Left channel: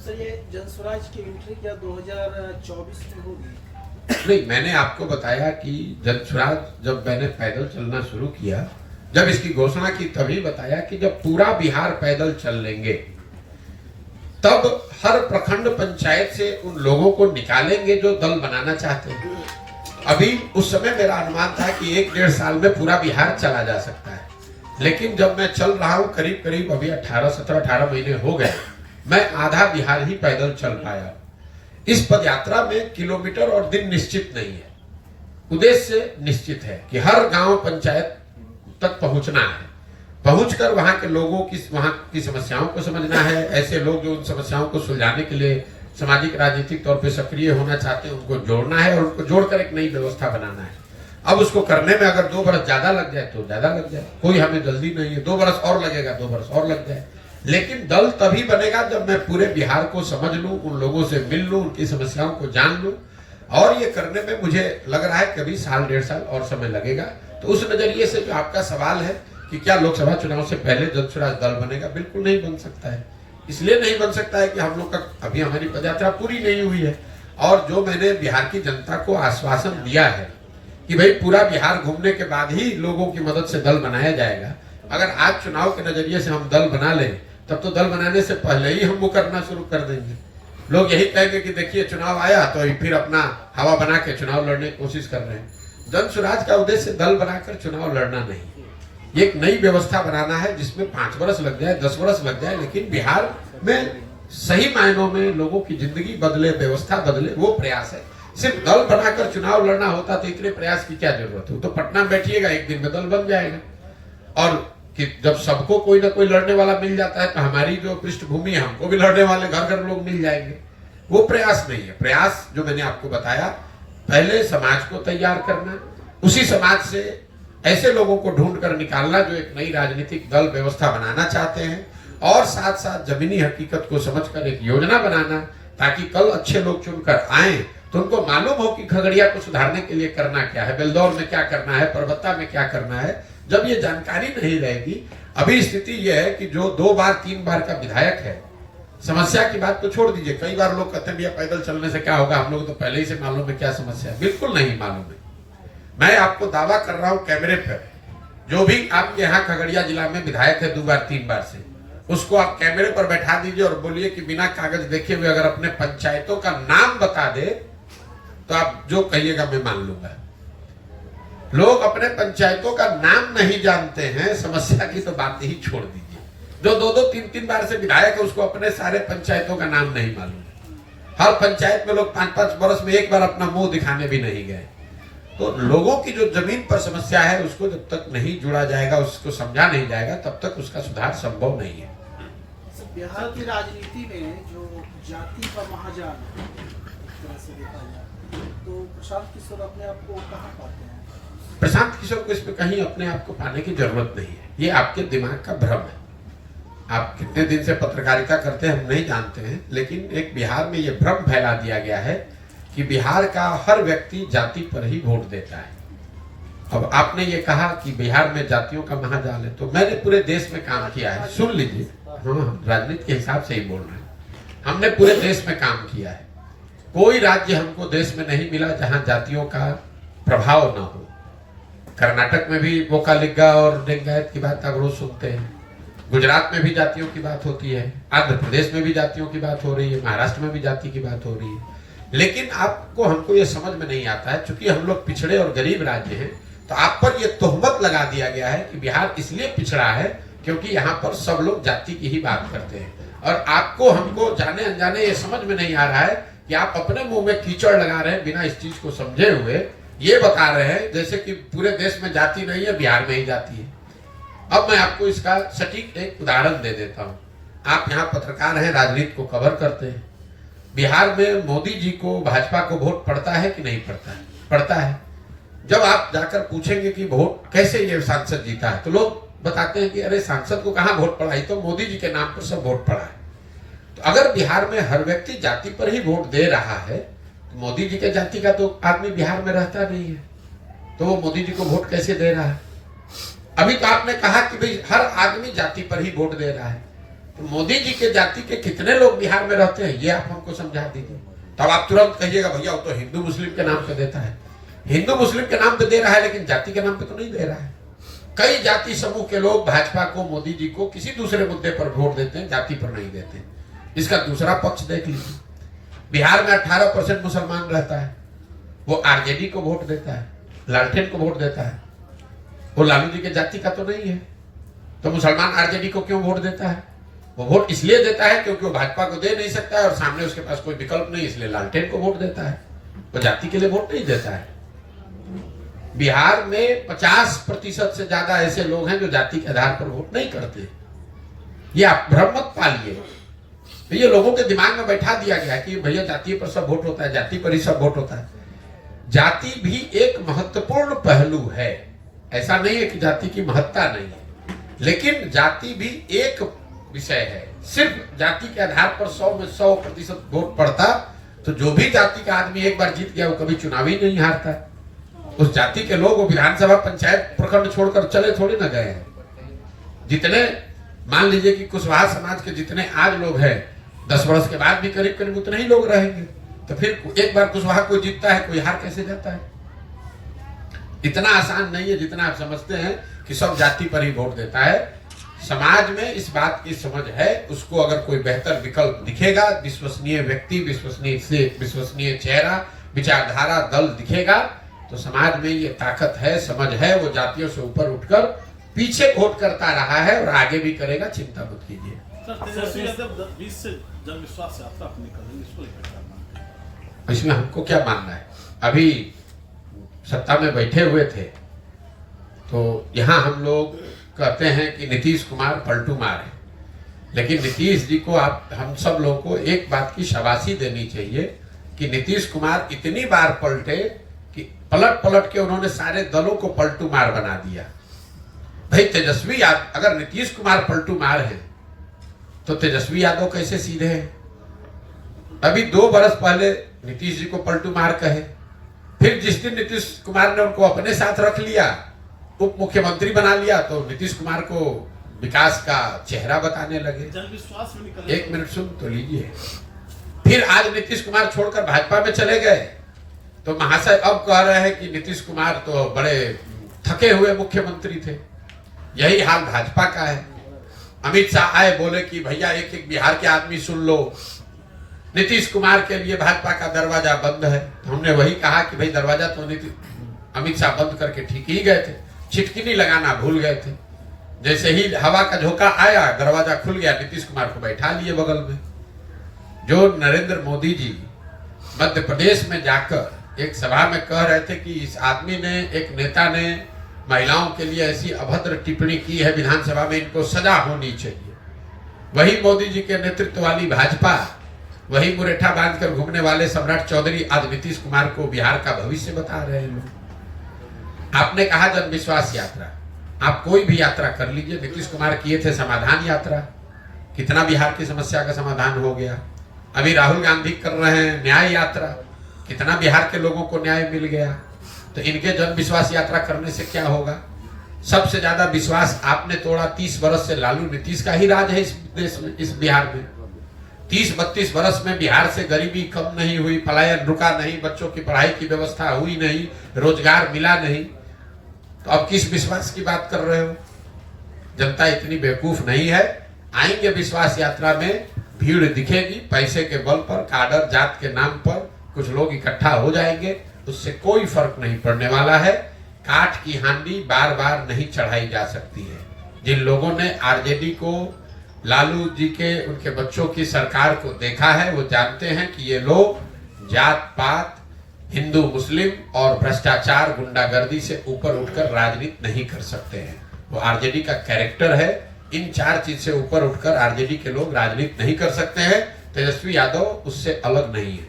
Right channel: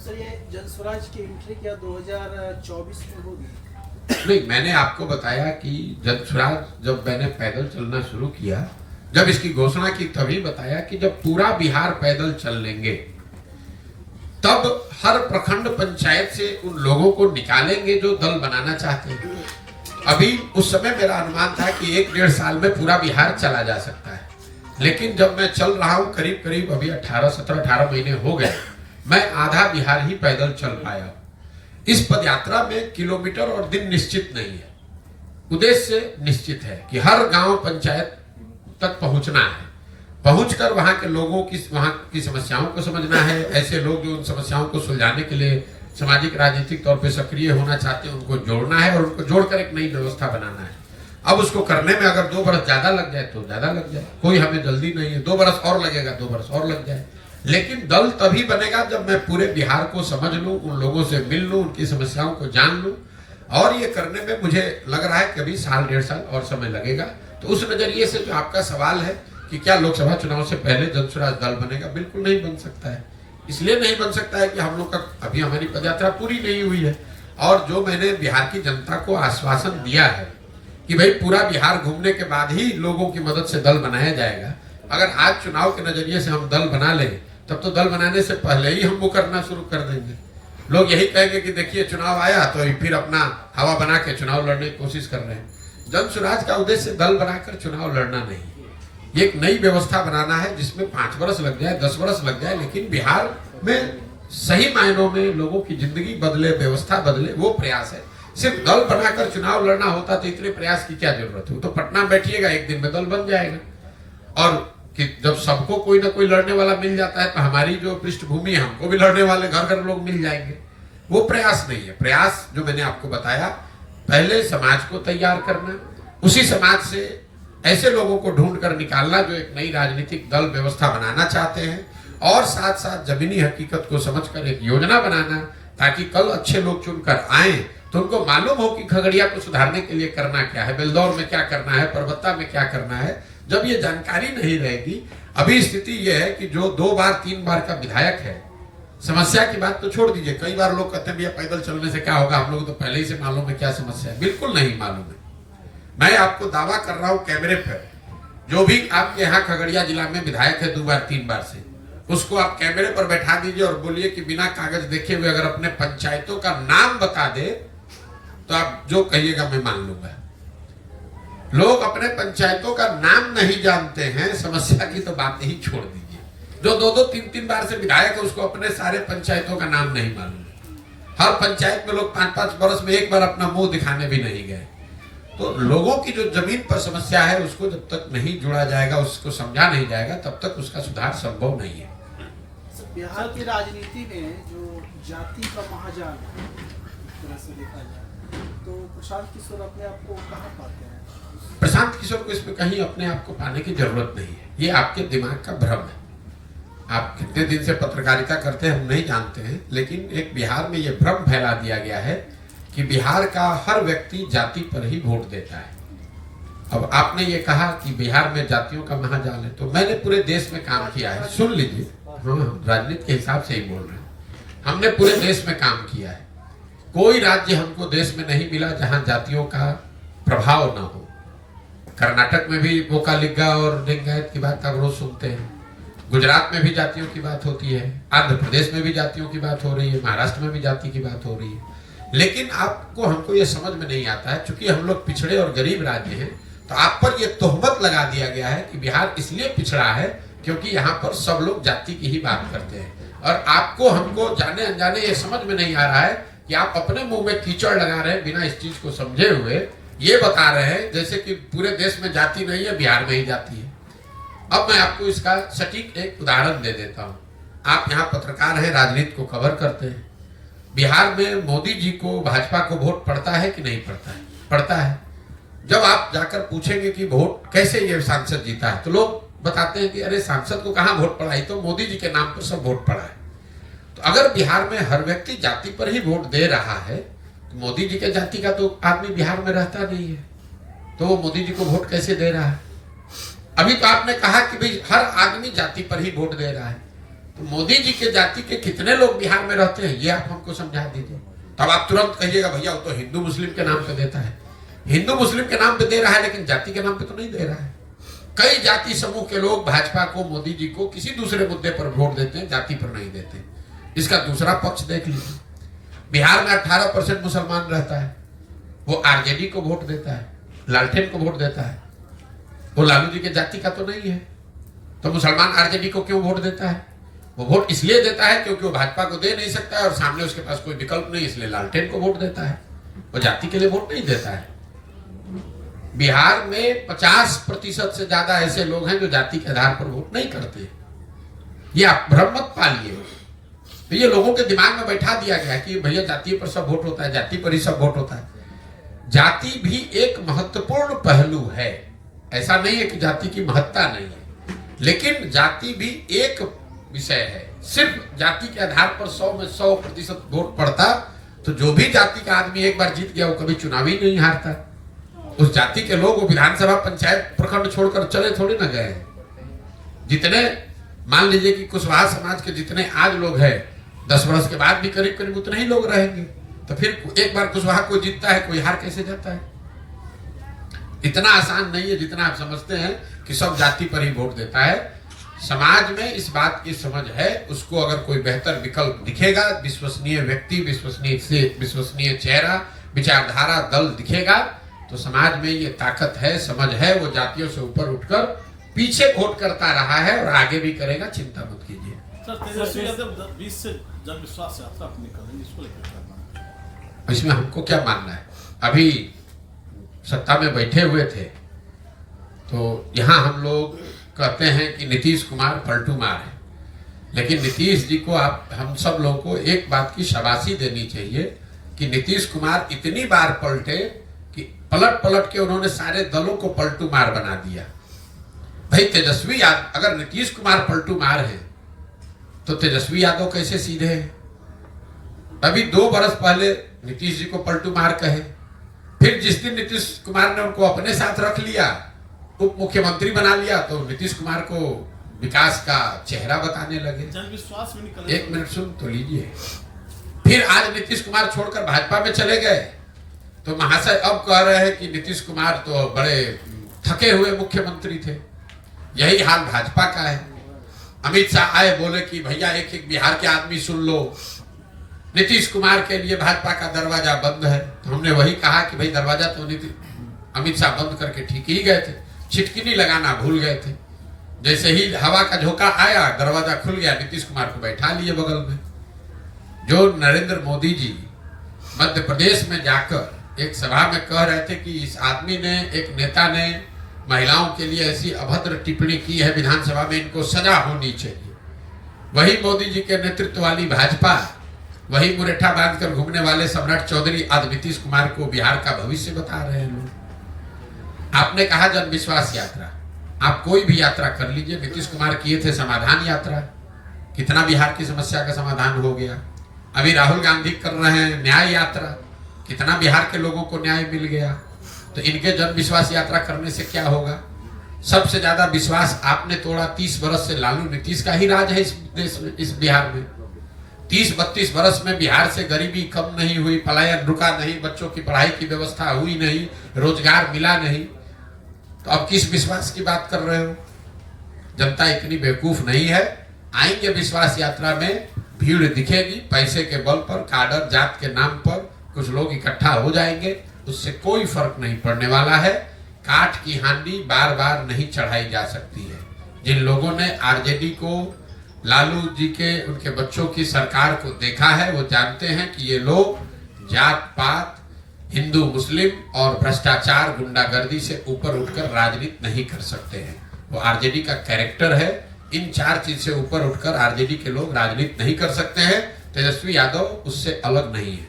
Sir ये जनस्वराज की entry क्या 2024 में होगी? नहीं, मैंने आपको बताया कि जनस्वराज जब मैंने पैदल चलना शुरू किया, जब इसकी घोषणा की तभी बताया कि जब पूरा बिहार पैदल चल लेंगे तब हर प्रखंड पंचायत से उन लोगों को निकालेंगे जो दल बनाना चाहते हैं। अभी उस समय मेरा अनुमान था कि 1-1.5 साल में पूरा बिहार चला जा सकता है, लेकिन जब मैं चल रहा हूं करीब करीब अभी 18 महीने हो गए, मैं आधा बिहार ही पैदल चल पाया। इस पदयात्रा में किलोमीटर और दिन निश्चित नहीं है, उद्देश्य निश्चित है कि हर गांव पंचायत तक पहुंचना है, पहुंचकर वहां के लोगों की वहां की समस्याओं को समझना है। ऐसे लोग जो उन समस्याओं को सुलझाने के लिए सामाजिक राजनीतिक तौर पे सक्रिय होना चाहते हैं उनको जोड़ना है और उनको जोड़कर एक नई व्यवस्था बनाना है। अब उसको करने में अगर 2 बरस ज्यादा लग जाए तो ज्यादा लग जाए, कोई हमें जल्दी नहीं है। 2 बरस और लगेगा, 2 बरस और लग जाए, लेकिन दल तभी बनेगा जब मैं पूरे बिहार को समझ लूं, उन लोगों से मिल लूं, उनकी समस्याओं को जान लूं। और ये करने में मुझे लग रहा है कभी 1-1.5 साल और समय लगेगा। तो उस नजरिए से जो आपका सवाल है कि क्या लोकसभा चुनाव से पहले जनस्वराज दल बनेगा, बिल्कुल नहीं बन सकता है। इसलिए नहीं बन सकता है कि हम लोग का अभी हमारी पदयात्रा पूरी नहीं हुई है, और जो मैंने बिहार की जनता को आश्वासन दिया है कि भाई पूरा बिहार घूमने के बाद ही लोगों की मदद से दल बनाया जाएगा। अगर आज चुनाव के नजरिए से हम दल बना लें तब तो दल बनाने से पहले ही हम वो करना शुरू कर देंगे। लोग यही कहेंगे कि देखिए चुनाव आया तो फिर अपना हवा बना के चुनाव लड़ने की कोशिश कर रहे हैं। जनस्वराज का उद्देश्य दल बनाकर चुनाव लड़ना नहीं, ये एक नई व्यवस्था बनाना है जिसमें 5 वर्ष लग जाए, 10 वर्ष लग जाए, लेकिन बिहार में सही मायनों में लोगों की जिंदगी बदले, व्यवस्था बदले, वो प्रयास है। सिर्फ दल बनाकर चुनाव लड़ना होता तो इतने प्रयास की क्या जरूरत है? तो पटना में बैठिएगा, एक दिन में दल बन जाएगा। और कि जब सबको कोई ना कोई लड़ने वाला मिल जाता है तो हमारी जो पृष्ठभूमि है, हमको भी लड़ने वाले घर घर लोग मिल जाएंगे। वो प्रयास नहीं है। प्रयास जो मैंने आपको बताया, पहले समाज को तैयार करना, उसी समाज से ऐसे लोगों को ढूंढ कर निकालना जो एक नई राजनीतिक दल व्यवस्था बनाना चाहते हैं, और साथ साथ जमीनी हकीकत को समझकर एक योजना बनाना ताकि कल अच्छे लोग चुनकर आए तो उनको मालूम हो कि खगड़िया को सुधारने के लिए करना क्या है, बेलदौर में क्या करना है, परबत्ता में क्या करना है। जब ये जानकारी नहीं रहेगी, अभी स्थिति यह है कि जो 2 बार 3 बार का विधायक है, समस्या की बात तो छोड़ दीजिए। कई बार लोग कहते हैं भैया पैदल चलने से क्या होगा, हम लोग तो पहले ही से मालूम है क्या समस्या है। बिल्कुल नहीं मालूम है। मैं आपको दावा कर रहा हूं कैमरे पर, जो भी आपके यहाँ खगड़िया जिला में विधायक है 2 बार 3 बार से, उसको आप कैमरे पर बैठा दीजिए और बोलिए कि बिना कागज देखे हुए अगर अपने पंचायतों का नाम बता दे तो आप जो कहिएगा मैं मान लूंगा। लोग अपने पंचायतों का नाम नहीं जानते हैं, समस्या की तो बात ही छोड़ दीजिए। जो 2-2 3-3 बार से विधायक है उसको अपने सारे पंचायतों का नाम नहीं मालूम। हर पंचायत में लोग 5-5 वर्ष में एक बार अपना मुंह दिखाने भी नहीं गए। तो लोगों की जो जमीन पर समस्या है उसको जब तक नहीं जुड़ा जाएगा, उसको समझा नहीं जाएगा, तब तक उसका सुधार संभव नहीं है। बिहार की राजनीति में जो जाति का महाजाल तरह से देखा जाए तो प्रशांत किशोर अपने आप को कहाँ पाते हैं? प्रशांत किशोर को इसमें कहीं अपने आप को पाने की जरूरत नहीं है। ये आपके दिमाग का भ्रम है। आप कितने दिन से पत्रकारिता करते हैं हम नहीं जानते हैं, लेकिन एक बिहार में ये भ्रम फैला दिया गया है कि बिहार का हर व्यक्ति जाति पर ही वोट देता है। अब आपने ये कहा कि बिहार में जातियों का महाजाल है, तो मैंने पूरे देश में काम किया है। सुन लीजिए, हाँ, राजनीति के हिसाब से ही बोल रहे हैं। हमने पूरे देश में काम किया है। कोई राज्य हमको देश में नहीं मिला जहां जातियों का प्रभाव न हो। कर्नाटक में भी वोकालिगा और लिंगायत की बात आप रोज सुनते हैं। गुजरात में भी जातियों की बात होती है, आंध्र प्रदेश में भी जातियों की बात हो रही है, महाराष्ट्र में भी जाति की बात हो रही है। लेकिन आपको हमको ये समझ में नहीं आता है, चूंकि हम लोग पिछड़े और गरीब राज्य हैं, तो आप पर यह तोहमत लगा दिया गया है कि बिहार इसलिए पिछड़ा है क्योंकि यहाँ पर सब लोग जाति की ही बात करते हैं। और आपको हमको जाने अनजाने ये समझ में नहीं आ रहा है कि आप अपने मुंह में कीचड़ लगा रहे हैं, बिना इस चीज को समझे हुए ये बता रहे हैं जैसे कि पूरे देश में जाति नहीं है, बिहार में ही जाति है। अब मैं आपको इसका सटीक एक उदाहरण दे देता हूँ। आप यहाँ पत्रकार हैं, राजनीति को कवर करते हैं। बिहार में मोदी जी को, भाजपा को वोट पड़ता है कि नहीं पड़ता है? पड़ता है। जब आप जाकर पूछेंगे कि वोट कैसे ये सांसद जीता है, तो लोग बताते हैं कि अरे सांसद को कहाँ वोट पड़ा, तो मोदी जी के नाम पर सब वोट पड़ा है। तो अगर बिहार में हर व्यक्ति जाति पर ही वोट दे रहा है, तो मोदी जी के जाति का तो आदमी बिहार में रहता नहीं है, तो वो मोदी जी को वोट कैसे दे रहा है? अभी तो आपने कहा कि भाई हर आदमी जाति पर ही वोट दे रहा है, तो मोदी जी के जाति के कितने लोग बिहार में रहते हैं ये आप हमको समझा दीजिए। तब आप तुरंत कहिएगा भैया वो तो हिंदू मुस्लिम के नाम पे देता है। हिंदू मुस्लिम के नाम पे दे रहा है लेकिन जाति के नाम पे तो नहीं दे रहा है। कई जाति समूह के लोग भाजपा को, मोदी जी को किसी दूसरे मुद्दे पर वोट देते हैं, जाति पर नहीं देते। इसका दूसरा पक्ष देख लीजिए। बिहार में 18% मुसलमान रहता है, वो आरजेडी को वोट देता है, लालटेन को वोट देता है। वो लालू जी के जाति का तो नहीं है, तो मुसलमान आरजेडी को क्यों वोट देता है? वो वोट इसलिए देता है क्योंकि वो भाजपा को दे नहीं सकता है और सामने उसके पास कोई विकल्प नहीं, इसलिए लालटेन को वोट देता है। वो जाति के लिए वोट नहीं देता है। बिहार में 50% से ज्यादा ऐसे लोग हैं जो जाति के आधार पर वोट नहीं करते। ये आप भ्रम मत पालिए। तो ये लोगों के दिमाग में बैठा दिया गया कि भैया जाति पर सब वोट होता है, जाति पर ही सब वोट होता है। जाति भी एक महत्वपूर्ण पहलू है, ऐसा नहीं है कि जाति की महत्ता नहीं है, लेकिन जाति भी एक विषय है। सिर्फ जाति के आधार पर 100 में 100% वोट पड़ता तो जो भी जाति का आदमी एक बार जीत गया वो कभी चुनाव ही नहीं हारता। उस जाति के लोग वो विधानसभा, पंचायत, प्रखंड छोड़कर चले थोड़ी ना गए। जितने मान लीजिए कि कुशवाहा समाज के जितने आज लोग हैं 10 वर्ष के बाद भी करीब करीब उतने ही लोग रहेंगे। तो फिर एक बार कुशवाहा कोई जीतता है, कोई हार कैसे जाता है? इतना आसान नहीं है जितना आप समझते हैं कि सब जाति पर ही वोट देता है। समाज में इस बात की समझ है, उसको अगर कोई बेहतर विकल्प दिखेगा, विश्वसनीय व्यक्ति, विश्वसनीय चेहरा, विचारधारा, दल दिखेगा तो समाज में ये ताकत है, समझ है, वो जातियों से ऊपर उठकर पीछे वोट करता रहा है और आगे भी करेगा। चिंता मत कीजिए। इसमें हमको क्या मानना है? अभी सत्ता में बैठे हुए थे तो यहाँ हम लोग कहते हैं कि नीतीश कुमार पलटू मार है, लेकिन नीतीश जी को हम सब लोगों को एक बात की शाबाशी देनी चाहिए कि नीतीश कुमार इतनी बार पलटे कि पलट पलट के उन्होंने सारे दलों को पलटू मार बना दिया। भाई तेजस्वी यादव, अगर नीतीश कुमार पलटू मार है तो तेजस्वी यादव कैसे सीधे हैं? अभी 2 बरस पहले नीतीश जी को पलटू मार कहे, फिर जिस दिन नीतीश कुमार ने उनको अपने साथ रख लिया, उप मुख्यमंत्री बना लिया, तो नीतीश कुमार को विकास का चेहरा बताने लगे। एक मिनट सुन तो लीजिए। फिर आज नीतीश कुमार छोड़कर भाजपा में चले गए तो महाशय अब कह रहे हैं कि नीतीश कुमार तो बड़े थके हुए मुख्यमंत्री थे। यही हाल भाजपा का है। अमित शाह आए, बोले कि भैया एक एक बिहार के आदमी सुन लो, नीतीश कुमार के लिए भाजपा का दरवाजा बंद है। तो हमने वही कहा कि भाई दरवाजा तो अमित शाह बंद करके ठीक ही गए थे, छिटकिनी लगाना भूल गए थे। जैसे ही हवा का झोंका आया, दरवाजा खुल गया, नीतीश कुमार को बैठा लिए बगल में। जो नरेंद्र मोदी जी मध्य प्रदेश में जाकर एक सभा में कह रहे थे कि इस आदमी ने, एक नेता ने महिलाओं के लिए ऐसी अभद्र टिप्पणी की है विधानसभा में, इनको सजा होनी चाहिए। वही मोदी जी के नेतृत्व वाली भाजपा, वही मुरेठा बांधकर घूमने वाले सम्राट चौधरी आज नीतीश कुमार को बिहार का भविष्य बता रहे हैं लोग। आपने कहा जन विश्वास यात्रा, आप कोई भी यात्रा कर लीजिए। नीतीश कुमार किए थे समाधान यात्रा, कितना बिहार की समस्या का समाधान हो गया। अभी राहुल गांधी कर रहे हैं न्याय यात्रा, कितना बिहार के लोगों को न्याय मिल गया। तो इनके जन विश्वास यात्रा करने से क्या होगा? सबसे ज्यादा विश्वास आपने तोड़ा। 30 बरस से लालू नीतीश का ही राज है इस देश में, इस बिहार में। 30-32 बरस में बिहार से गरीबी कम नहीं हुई, पलायन रुका नहीं, बच्चों की पढ़ाई की व्यवस्था हुई नहीं, रोजगार मिला नहीं। तो अब किस विश्वास की बात कर रहे हो? जनता इतनी बेवकूफ नहीं है। आएंगे विश्वास यात्रा में, भीड़ दिखेगी, पैसे के बल पर, काडर जात के नाम पर कुछ लोग इकट्ठा हो जाएंगे, उससे कोई फर्क नहीं पड़ने वाला है। काठ की हांडी बार बार नहीं चढ़ाई जा सकती है। जिन लोगों ने आरजेडी को, लालू जी के, उनके बच्चों की सरकार को देखा है, वो जानते हैं कि ये लोग जात पात, हिंदू मुस्लिम और भ्रष्टाचार, गुंडागर्दी से ऊपर उठकर राजनीति नहीं कर सकते हैं। वो आरजेडी का कैरेक्टर है। इन 4 चीज से ऊपर उठकर आरजेडी के लोग राजनीति नहीं कर सकते हैं। तेजस्वी यादव उससे अलग नहीं है।